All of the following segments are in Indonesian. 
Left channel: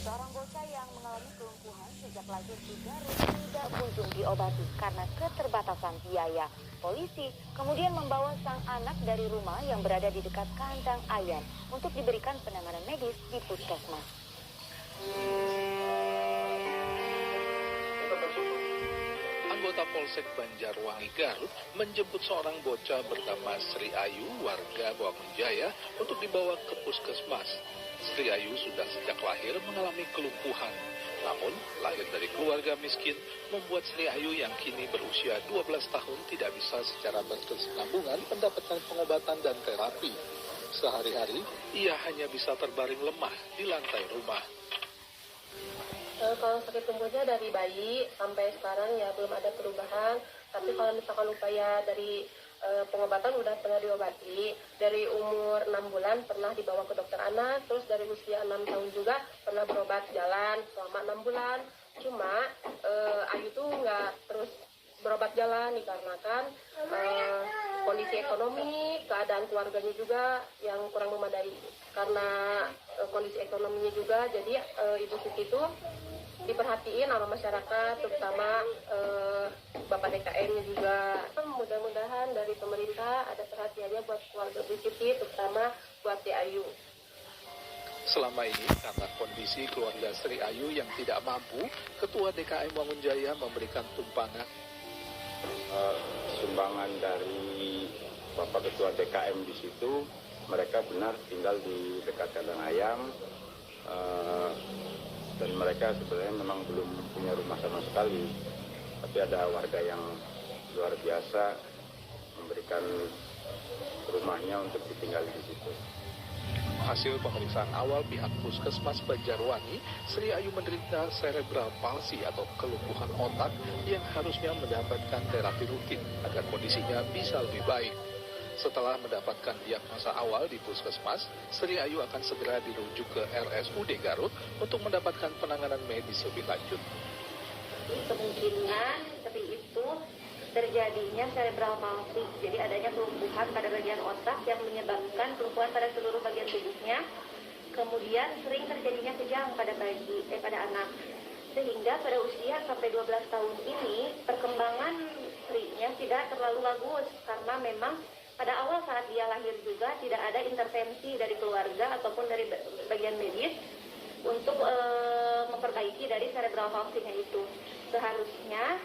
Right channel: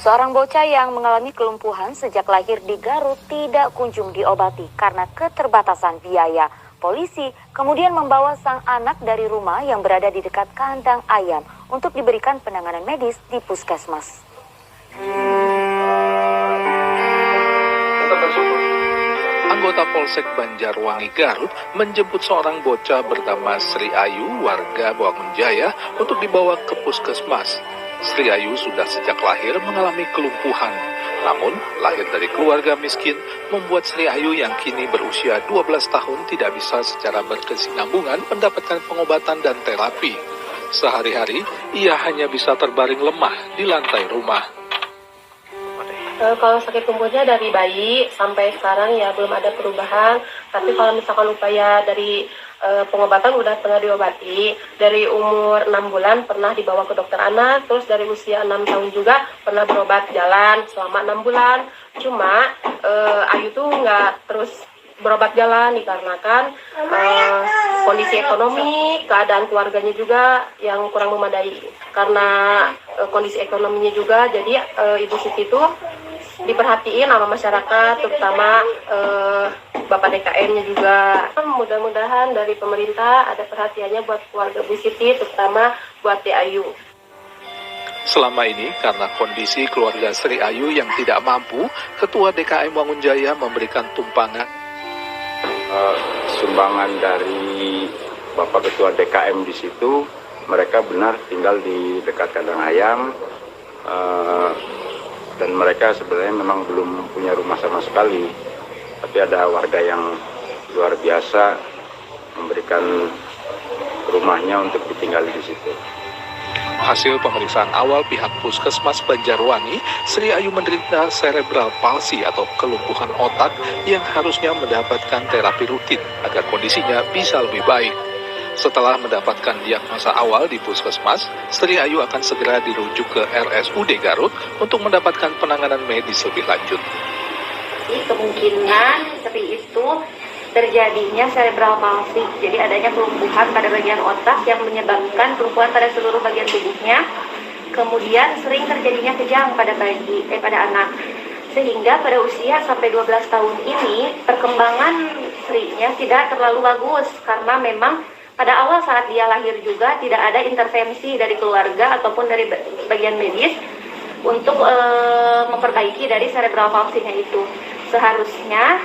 Seorang bocah yang mengalami kelumpuhan sejak lahir di Garut tidak kunjung diobati karena keterbatasan biaya. Polisi kemudian membawa sang anak dari rumah yang berada di dekat kandang ayam untuk diberikan penanganan medis di puskesmas. Anggota Polsek Banjarwangi Garut menjemput seorang bocah bernama Sri Ayu warga Bangunjaya untuk dibawa ke puskesmas. Sri Ayu sudah sejak lahir mengalami kelumpuhan. Namun, lahir dari keluarga miskin membuat Sri Ayu yang kini berusia 12 tahun tidak bisa secara berkesinambungan mendapatkan pengobatan dan terapi. Sehari-hari, ia hanya bisa terbaring lemah di lantai rumah. Kalau sakit tumbuhnya dari bayi sampai sekarang ya belum ada perubahan. Tapi kalau misalkan upaya dari pengobatan udah pernah diobati. Dari umur 6 bulan pernah dibawa ke dokter anak. Terus dari usia 6 tahun juga pernah berobat jalan selama 6 bulan. Cuma Ayu tuh nggak terus berobat jalan dikarenakan kondisi ekonomi, keadaan keluarganya juga yang kurang memadai. Karena kondisi ekonominya juga, jadi Ibu Siti itu diperhatiin sama masyarakat, terutama Bapak DKM-nya juga. Mudah-mudahan dari pemerintah ada perhatiannya buat keluarga Bu Siti, terutama buat Teh Ayu. Selama ini, karena kondisi keluarga Sri Ayu yang tidak mampu, Ketua DKM Bangunjaya memberikan tumpangan. Sumbangan dari Bapak Ketua DKM di situ, mereka benar tinggal di dekat kandang ayam, dan mereka sebenarnya memang belum punya rumah sama sekali. Tapi ada warga yang luar biasa memberikan rumahnya untuk ditinggal di situ. Hasil pemeriksaan awal pihak Puskesmas Banjarwangi, Sri Ayu menderita cerebral palsy atau kelumpuhan otak yang harusnya mendapatkan terapi rutin agar kondisinya bisa lebih baik. Setelah mendapatkan diagnosa awal di Puskesmas, Sri Ayu akan segera dirujuk ke RSUD Garut untuk mendapatkan penanganan medis lebih lanjut. Kemungkinan Sri itu terjadinya cerebral palsy, jadi adanya kelumpuhan pada bagian otak yang menyebabkan kelumpuhan pada seluruh bagian tubuhnya. Kemudian sering terjadinya kejang pada anak, sehingga pada usia sampai 12 tahun ini perkembangan Sri-nya tidak terlalu bagus karena memang pada awal saat dia lahir juga tidak ada intervensi dari keluarga ataupun dari bagian medis untuk memperbaiki dari cerebral palsy-nya itu. Seharusnya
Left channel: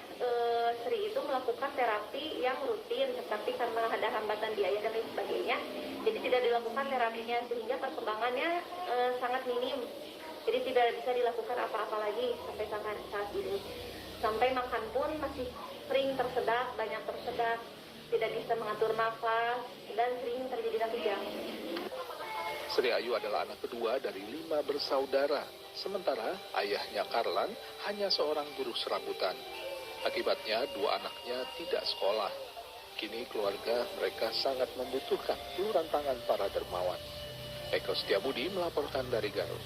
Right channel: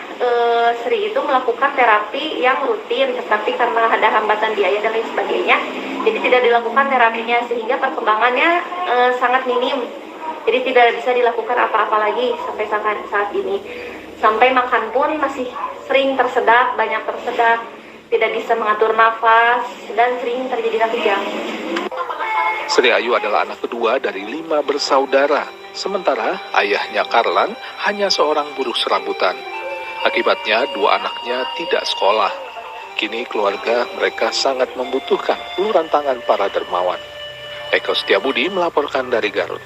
Sri itu melakukan terapi yang rutin, tetapi karena ada hambatan biaya dan lain sebagainya, jadi tidak dilakukan terapinya sehingga perkembangannya sangat minim. Jadi tidak bisa dilakukan apa-apa lagi sampai saat ini. Sampai makan pun masih sering tersedak, banyak tersedak, tidak bisa mengatur nafas dan sering terjadi kejang. Sri Ayu adalah anak kedua dari 5 bersaudara. Sementara ayahnya Karlan hanya seorang buruh serabutan. Akibatnya 2 anaknya tidak sekolah. Kini keluarga mereka sangat membutuhkan uluran tangan para dermawan. Eko Setiabudi melaporkan dari Garut.